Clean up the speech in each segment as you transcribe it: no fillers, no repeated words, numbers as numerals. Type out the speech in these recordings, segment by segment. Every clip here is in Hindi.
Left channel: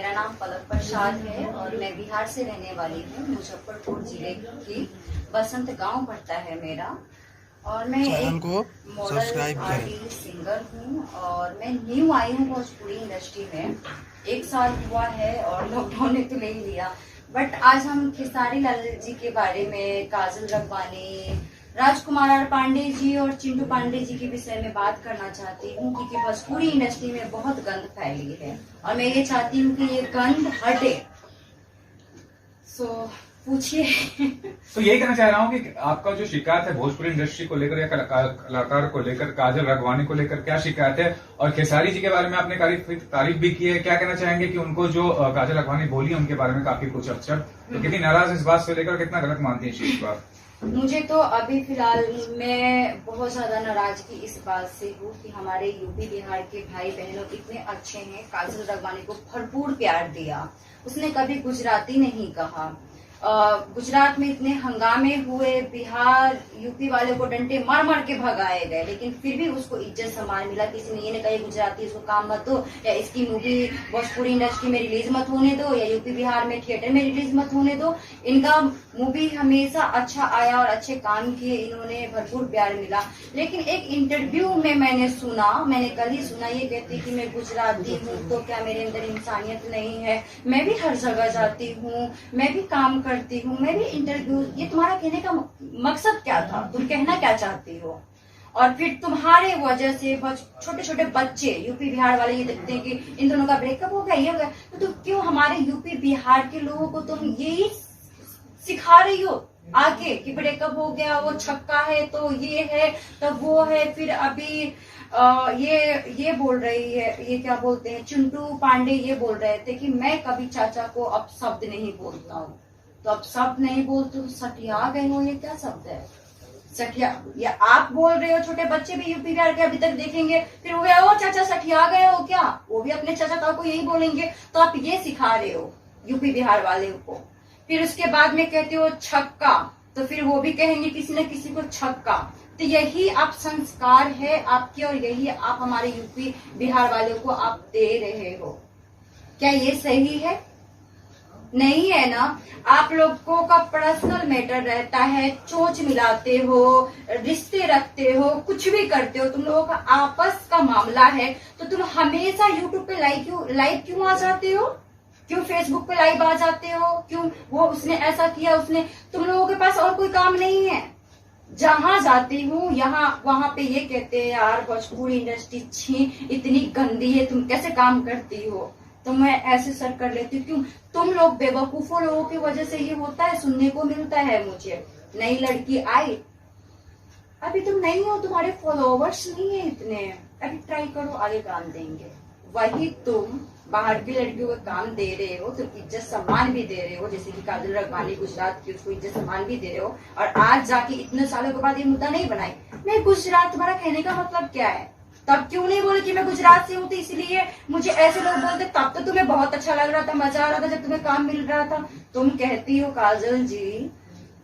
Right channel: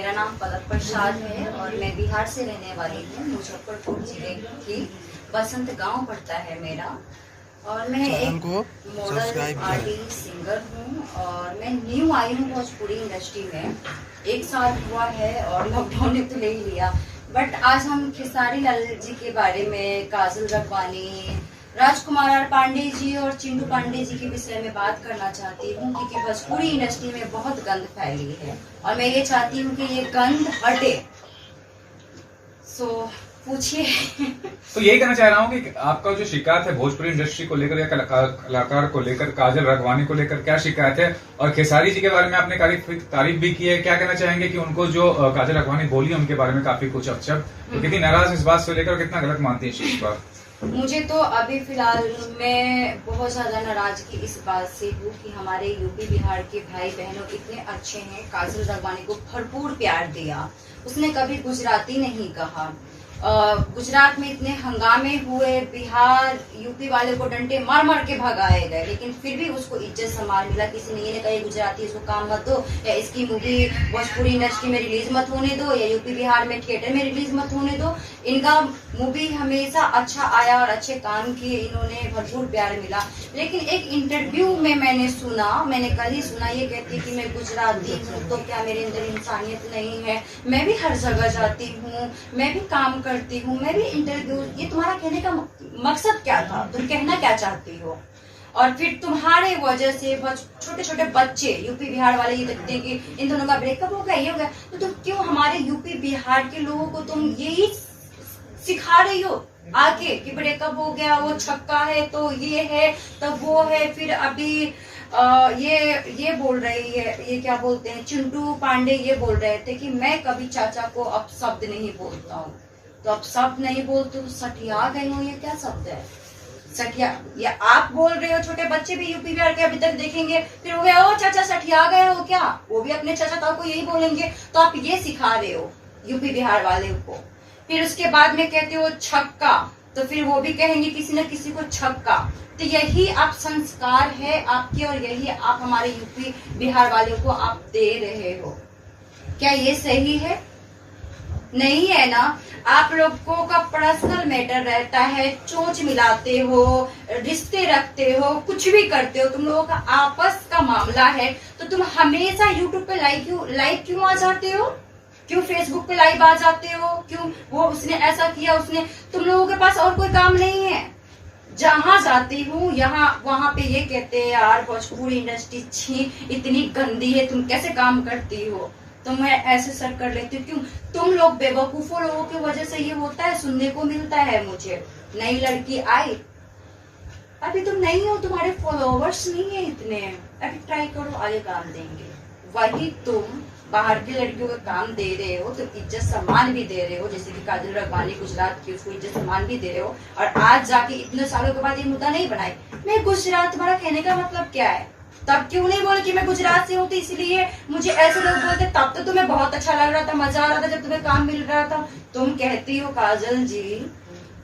मेरा नाम पलक प्रसाद है और मैं बिहार से रहने वाली हूँ। मुजफ्फरपुर जिले की बसंत गांव पड़ता है मेरा। और मैं एक मॉडल आर्टिस्ट सिंगर हूँ और मैं न्यू आई हूँ भोजपुरी इंडस्ट्री में। 1 साल हुआ है और लॉकडाउन ने तो ले ही लिया। बट आज हम खेसारी लाल जी के बारे में, काजल रखवानी, राजकुमार आर पांडे जी और चिंटू पांडे जी के विषय में बात करना चाहती हूँ, क्योंकि भोजपुरी इंडस्ट्री में बहुत गंद फैली है और मैं ये चाहती हूँ कि ये गंद हटे। सो पूछिए। तो यही कहना चाह रहा हूँ कि आपका जो शिकायत है भोजपुरी इंडस्ट्री को लेकर या कलाकार को लेकर, काजल रखवानी को लेकर क्या शिकायत है, और खेसारी जी के बारे में आपने तारीफ भी की है, क्या कहना चाहेंगे कि उनको जो काजल रखवानी बोली उनके बारे में काफी कुछ अच्छा, तो कितनी नाराज इस बात से लेकर, कितना गलत मानती है इस चीज पर? मुझे तो अभी फिलहाल मैं बहुत ज्यादा नाराजगी इस बात से हूँ कि हमारे यूपी बिहार के भाई बहनों इतने अच्छे हैं। काजल रखवानी को भरपूर प्यार दिया, उसने कभी गुजराती नहीं कहा। गुजरात में इतने हंगामे हुए, बिहार यूपी वाले को डंडे मार मार के भगाए गए, लेकिन फिर भी उसको इज्जत सम्मान मिला। किसी ने ये नहीं कहा ये गुजराती, इसको काम मत दो, या इसकी मूवी भोजपुरी इंडस्ट्री में रिलीज मत होने दो, या यूपी बिहार में थिएटर में रिलीज मत होने दो। इनका मूवी हमेशा अच्छा आया और अच्छे काम किए, इन्होंने भरपूर प्यार मिला। लेकिन एक इंटरव्यू में मैंने कल ही सुना, ये कहती कि मैं गुजराती हूँ तो क्या मेरे अंदर इंसानियत नहीं है? मैं भी हर जगह जाती हूँ, मैं भी काम करती हूँ, मैं भी इंटरव्यू। ये तुम्हारा कहने का मकसद क्या था? तुम कहना क्या चाहती हो? और फिर तुम्हारे वजह से छोटे छोटे बच्चे यूपी बिहार वाले ये देखते हैं कि इन दोनों का ब्रेकअप हो गया, ये हो गया, तो तुम क्यों हमारे यूपी बिहार के लोगों को तुम यही सिखा रही हो आगे कि ब्रेकअप हो गया, वो छक्का है तो ये है तो वो है। फिर अभी ये बोल रही है, ये क्या बोलते हैं, चिंटू पांडे ये बोल रहे थे कि मैं कभी चाचा को अपशब्द नहीं बोलता हूँ। तो अपशब्द नहीं बोलते तो सटिया गए हो, ये क्या शब्द है सटिया? या आप बोल रहे हो, छोटे बच्चे भी यूपी बिहार के अभी तक देखेंगे, फिर वो ओ चाचा सटिया गए हो क्या, वो भी अपने चाचा ताऊ को यही बोलेंगे। तो आप ये सिखा रहे हो यूपी बिहार वाले को। फिर उसके बाद में कहते हो छक्का, तो फिर वो भी कहेंगे किसी न किसी को छक्का। तो यही आप संस्कार है आपके, और यही आप हमारे यूपी बिहार वालों को आप दे रहे हो। क्या ये सही है? नहीं है ना। आप लोगों का पर्सनल मैटर रहता है, चोंच मिलाते हो, रिश्ते रखते हो, कुछ भी करते हो, तुम लोगों का आपस का मामला है, तो तुम हमेशा यूट्यूब पे लाइव क्यों आ जाते हो? क्यों फेसबुक पे लाइव आ जाते हो? क्यों वो उसने ऐसा किया, उसने, तुम लोगों के पास और कोई काम नहीं है? जहां जाती हूँ वहां पे ये कहते हैं यार भोजपुरी इंडस्ट्री छी इतनी गंदी है, तुम कैसे काम करती हो? तो मैं ऐसे सर कर लेती हूँ। क्यों? तुम लोग बेवकूफों लोगों की वजह से ये होता है, सुनने को मिलता है मुझे। नई लड़की आई, अभी तुम नहीं हो, तुम्हारे फॉलोवर्स नहीं है इतने, अभी ट्राई करो, आगे काम देंगे। वही तुम बाहर की लड़कियों को काम दे रहे हो, तुम इज्जत सम्मान भी दे रहे हो, जैसे कि काजल रखवानी गुजरात की, उसको इज्जत सम्मान भी दे रहे हो, और आज जाके इतने सालों के बाद ये मुद्दा नहीं बनाई मैं गुजरात। तुम्हारा कहने का मतलब क्या है? तब क्यों नहीं बोले कि मैं गुजरात से हूँ तो इसलिए मुझे ऐसे लोग बोलते? तब तो तुम्हें बहुत अच्छा लग रहा था, मजा आ रहा था जब तुम्हें काम मिल रहा था। तुम कहती हो काजल जी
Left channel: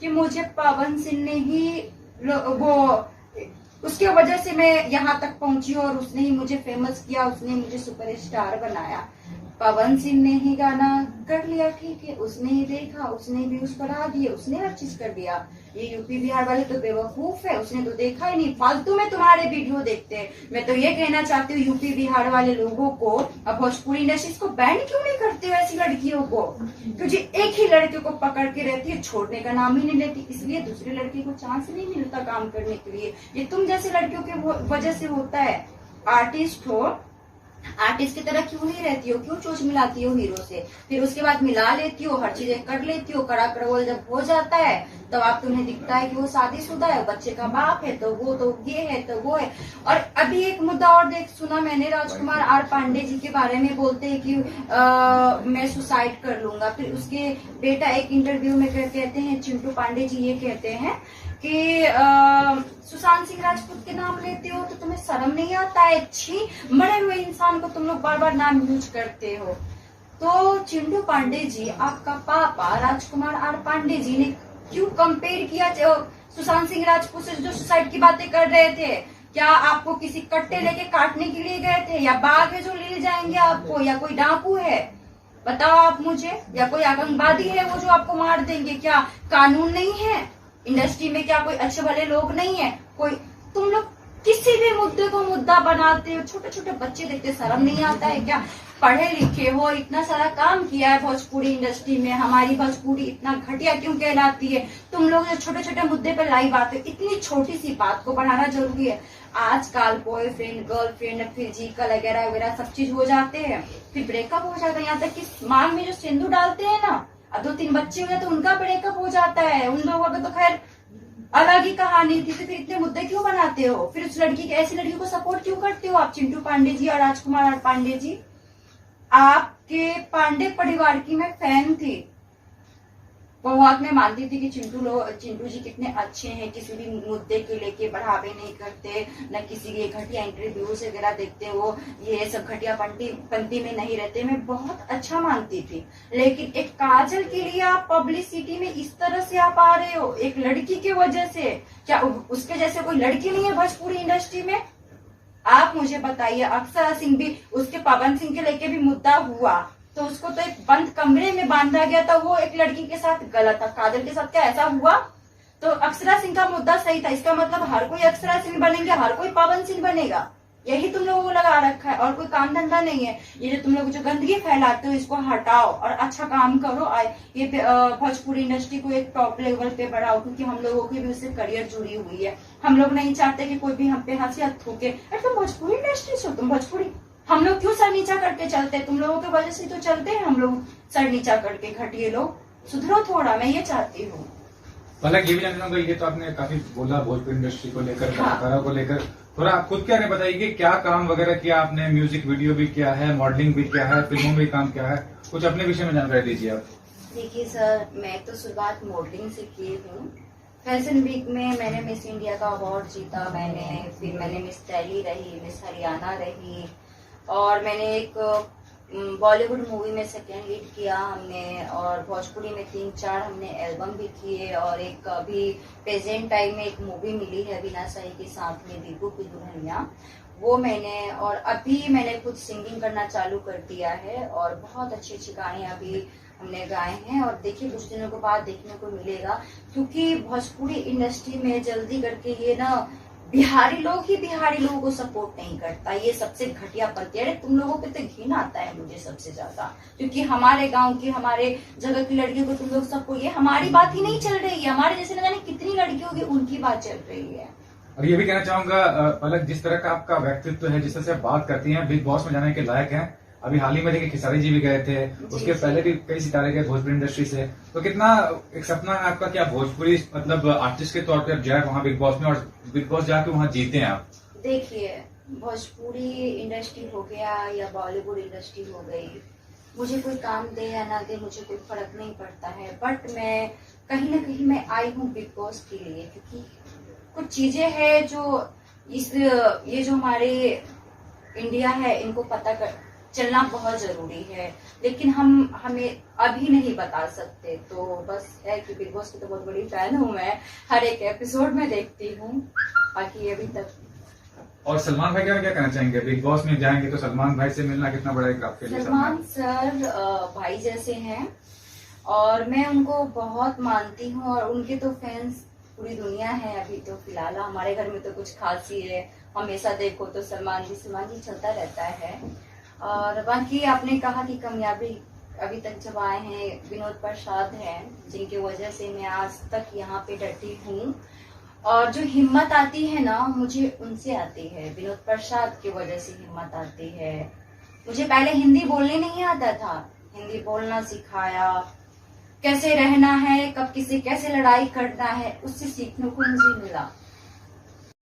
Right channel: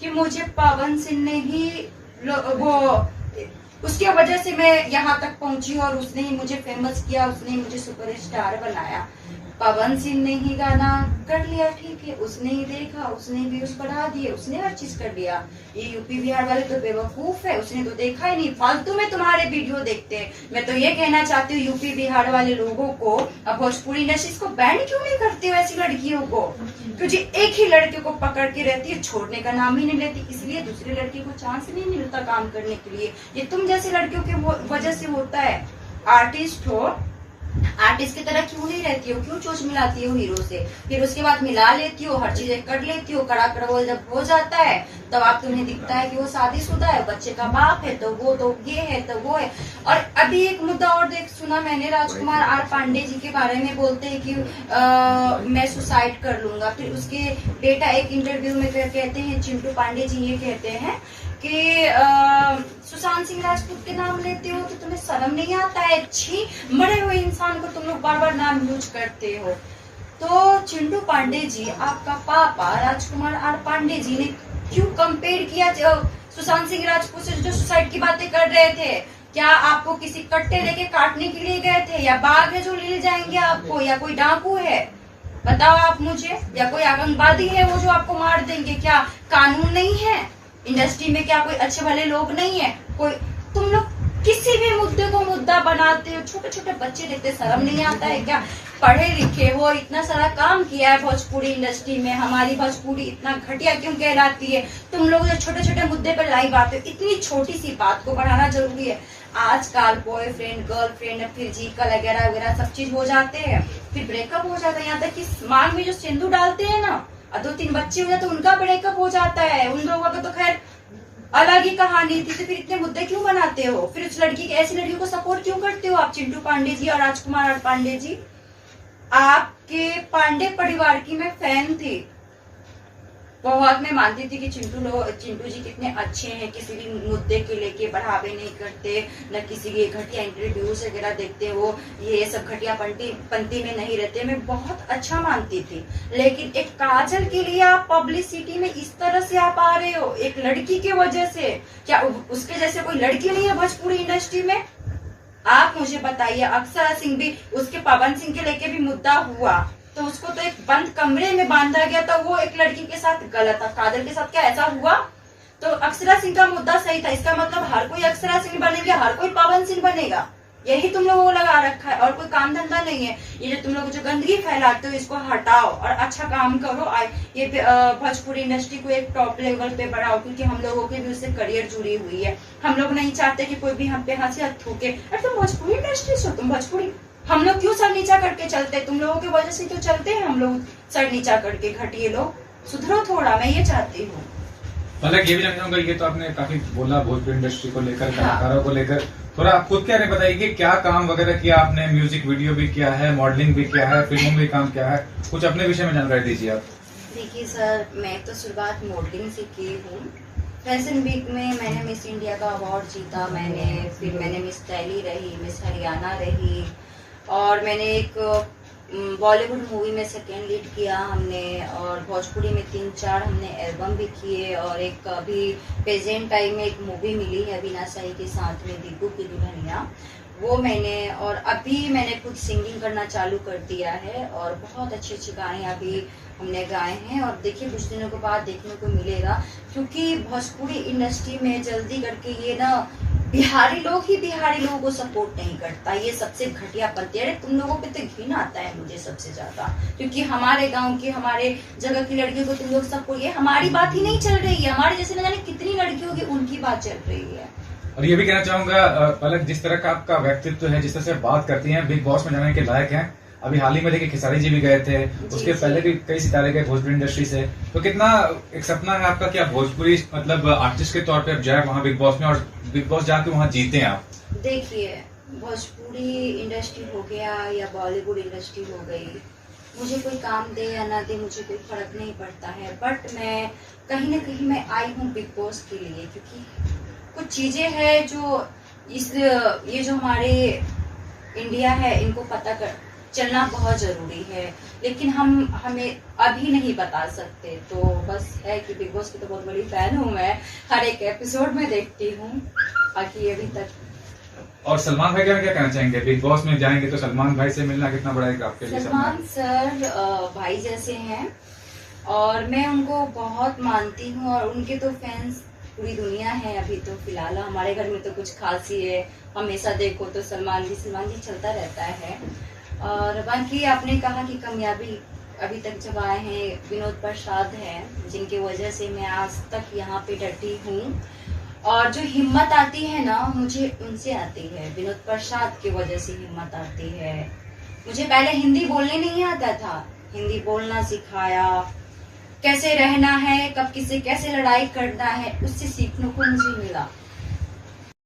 कि मुझे पवन सिंह ने ही वो उसकी वजह से मैं यहाँ तक पहुंची और उसने ही मुझे फेमस किया, उसने ही मुझे सुपरस्टार बनाया। पवन सिंह ने ही गाना कर लिया, ठीक है, उसने ही देखा, उसने ही व्यूज बढ़ा दिए, उसने हर चीज कर दिया। ये यूपी बिहार वाले तो बेवकूफ है, उसने तो देखा ही नहीं, फालतू में तुम्हारे वीडियो देखते हैं। मैं तो ये कहना चाहती हूँ यूपी बिहार वाले लोगों को, अब भोजपुरी इंडस्ट्री को बैन क्यों नहीं करती हो ऐसी लड़कियों को? क्योंकि एक ही लड़की को पकड़ के रहती है, छोड़ने का नाम ही नहीं लेती, इसलिए दूसरी लड़की को चांस नहीं मिलता काम करने के लिए। ये तुम जैसी लड़कियों की वजह से होता है। आर्टिस्ट हो, आर्टिस्ट की तरह क्यों नहीं रहती हो? क्यों चोच मिलाती हो हीरो से? फिर उसके बाद मिला लेती हो, हर चीजें कर लेती हो, कड़ा कड़वल जब हो जाता है तब आप तुम्हें दिखता है कि वो शादीशुदा है, बच्चे का बाप है, तो वो तो ये है तो वो है। और अभी एक मुद्दा और सुना मैंने, राजकुमार आर पांडे जी के बारे में बोलते हैं कि मैं सुसाइड कर लूंगा। फिर उसके बेटा एक इंटरव्यू में कहते हैं, चिंटू पांडे जी ये कहते हैं कि सुशांत सिंह राजपूत के नाम लेते हो तो तुम्हें शर्म नहीं आता है? छी, मरे हुए इंसान को तुम लोग बार बार नाम यूज करते हो। तो चिंटू पांडे जी, आपका पापा राजकुमार आर पांडे जी ने क्यों कंपेयर किया सुशांत सिंह राजपूत से, जो सुसाइड की बातें कर रहे थे? क्या आपको किसी कट्टे लेके काटने के लिए गए थे, या बाघ है जो ले जाएंगे आपको, या कोई डाकू है? बताओ आप मुझे, या कोई आतंकवादी है वो जो आपको मार देंगे? क्या कानून नहीं है इंडस्ट्री में? क्या कोई अच्छे वाले लोग नहीं है? कोई तुम लोग किसी भी मुद्दे को मुद्दा बनाते हो। छोटे छोटे बच्चे देखते, शर्म नहीं आता है क्या? पढ़े लिखे हो, इतना सारा काम किया है भोजपुरी इंडस्ट्री में, हमारी भोजपुरी इतना घटिया क्यों कहलाती है? तुम लोग जो छोटे छोटे मुद्दे पर लाइव आते हो, इतनी छोटी सी बात को बढ़ाना जरूरी है? आजकल बॉयफ्रेंड गर्लफ्रेंड फिर जीका वगैरह वगैरह सब चीज हो जाते हैं, फिर ब्रेकअप हो जाता है। यहाँ तक कि मांग में जो सिंदूर डालते हैं ना, 2-3 बच्चे हो जाते, उनका ब्रेकअप हो जाता है। उन लोगों का तो खैर अलग ही कहानी थी। तो फिर इतने मुद्दे क्यों बनाते हो? फिर उस लड़की, ऐसी लड़की को सपोर्ट क्यों करते हो आप? चिंटू पांडे जी और राजकुमार पांडे जी, आपके पांडे परिवार की मैं फैन थी बहुत। मैं मानती थी कि चिंटू जी कितने अच्छे हैं, किसी भी मुद्दे के लेके बढ़ावे नहीं करते, न किसी के घटिया इंटरव्यूज वगैरह देखते, वो ये सब घटिया पंक्ति में नहीं रहते। मैं बहुत अच्छा मानती थी, लेकिन एक काजल के लिए आप पब्लिसिटी में इस तरह से आप आ रहे हो, एक लड़की की वजह से। क्या उसके जैसे कोई लड़की नहीं है भोजपुरी इंडस्ट्री में? आप मुझे बताइए। अक्षरा सिंह भी, उसके पवन सिंह के लेके भी मुद्दा हुआ, तो उसको तो एक बंद कमरे में बांधा गया था, वो एक लड़की के साथ गलत था। काजल के साथ क्या ऐसा हुआ? तो अक्षरा सिंह का मुद्दा सही था। इसका मतलब हर कोई अक्षरा सिंह बनेंगे, हर कोई पवन सिंह बनेगा? यही तुम लोगों को लगा रखा है, और कोई काम धंधा नहीं है। ये जो तुम लोग जो गंदगी फैलाते हो, इसको हटाओ और अच्छा काम करो। ये भोजपुरी इंडस्ट्री को एक टॉप लेवल पे बढ़ाओ, क्योंकि हम लोगों की भी उससे करियर जुड़ी हुई है। हम लोग नहीं चाहते कि कोई भी हम पे हाथ से थूके, अरे तुम भोजपुरी इंडस्ट्री से हो, तुम भोजपुरी, हम लोग क्यों सर नीचा करके चलते? तुम लोगों की वजह से तो चलते हैं हम लोग सर नीचा करके। घटिए लोग, सुधरो थोड़ा, मैं ये चाहती हूँ। हालांकि ये भी जानना चाहूंगा, ये तो आपने काफी बोला भोजपुरी इंडस्ट्री को लेकर, हाँ। कलाकारों को लेकर, थोड़ा खुद क्या नहीं बताइए कि क्या काम वगैरह किया आपने? म्यूजिक वीडियो भी किया है, मॉडलिंग भी किया है, फिल्मों में भी काम किया है, कुछ अपने विषय में जानकारी दीजिए आप। देखिए सर, मैं तो शुरुआत मॉडलिंग से की हूँ। फैशन वीक में मैंने मिस इंडिया का अवार्ड जीता, फिर मैंने मिस दिल्ली रही, मिस हरियाणा रही, और मैंने एक बॉलीवुड मूवी में सेकेंड लीड किया हमने, और भोजपुरी में 3-4 हमने एल्बम भी किए, और एक अभी प्रेजेंट टाइम में एक मूवी मिली है अविनाश शाही के साथ में, दीपू की दुल्हनिया, वो मैंने, और अभी मैंने खुद सिंगिंग करना चालू कर दिया है, और बहुत अच्छी अच्छी गाने अभी हमने गाए हैं। और देखिए कुछ दिनों के बाद देखने को मिलेगा, क्योंकि भोजपुरी इंडस्ट्री में जल्दी करके ये ना बिहारी लोग ही बिहारी लोगों को सपोर्ट नहीं करता, ये सबसे घटिया पंथी। अरे तुम लोगों पे तो घिन आता है मुझे सबसे ज्यादा, क्योंकि हमारे गांव की, हमारे जगह की लड़कियों को तुम लोग सपोर्ट, ये हमारी बात ही नहीं चल रही है, हमारे जैसे न जाने कितनी लड़कियों की उनकी बात चल रही है। और ये भी कहना चाहूंगा पलक, जिस तरह का आपका व्यक्तित्व है, जिस तरह से आप बात करती हैं, बिग बॉस में जाने के लायक हैं। अभी हाल ही में देखिए खेसारी जी भी गए थे, उसके पहले भी कई सितारे गए भोजपुरी इंडस्ट्री से। तो कितना एक सपना है आपका कि आप भोजपुरी मतलब आर्टिस्ट के तौर पे आप जाए वहाँ बिग बॉस में, और बिग बॉस जाके वहाँ जीते आप? देखिए भोजपुरी इंडस्ट्री हो गया या बॉलीवुड इंडस्ट्री हो गई, मुझे कोई काम दे या ना दे मुझे कोई फर्क नहीं पड़ता है। बट मैं कहीं ना कहीं मैं आई हूँ बिग बॉस के लिए, क्योंकि कुछ चीजें हैं जो ये जो हमारे इंडिया है, इनको पता कर चलना बहुत जरूरी है, लेकिन हमें अभी नहीं बता सकते। तो बस है कि बिग बॉस की तो बहुत बड़ी फैन हूँ मैं, हर एक एपिसोड में देखती हूँ, बाकी अभी तक। और सलमान भाई क्या कहना चाहेंगे? बिग बॉस में जाएंगे तो सलमान भाई से मिलना कितना बड़ा एक आपके लिए? सलमान सर भाई जैसे हैं, और मैं उनको बहुत मानती हूँ, और उनके तो फैंस पूरी दुनिया है। अभी तो फिलहाल हमारे घर में तो कुछ खास ही है, हमेशा देखो तो सलमान जी चलता रहता है। और बाकी आपने कहा कि कामयाबी अभी तक जब आए हैं विनोद प्रसाद हैं, जिनकी वजह से मैं आज तक यहाँ पे डटी हूँ, और जो हिम्मत आती है ना मुझे उनसे आती है, विनोद प्रसाद की वजह से हिम्मत आती है। मुझे पहले हिंदी बोलने नहीं आता था, हिंदी बोलना सिखाया, कैसे रहना है, कब किसी कैसे लड़ाई करना है, उससे सीखने को मुझे मिला।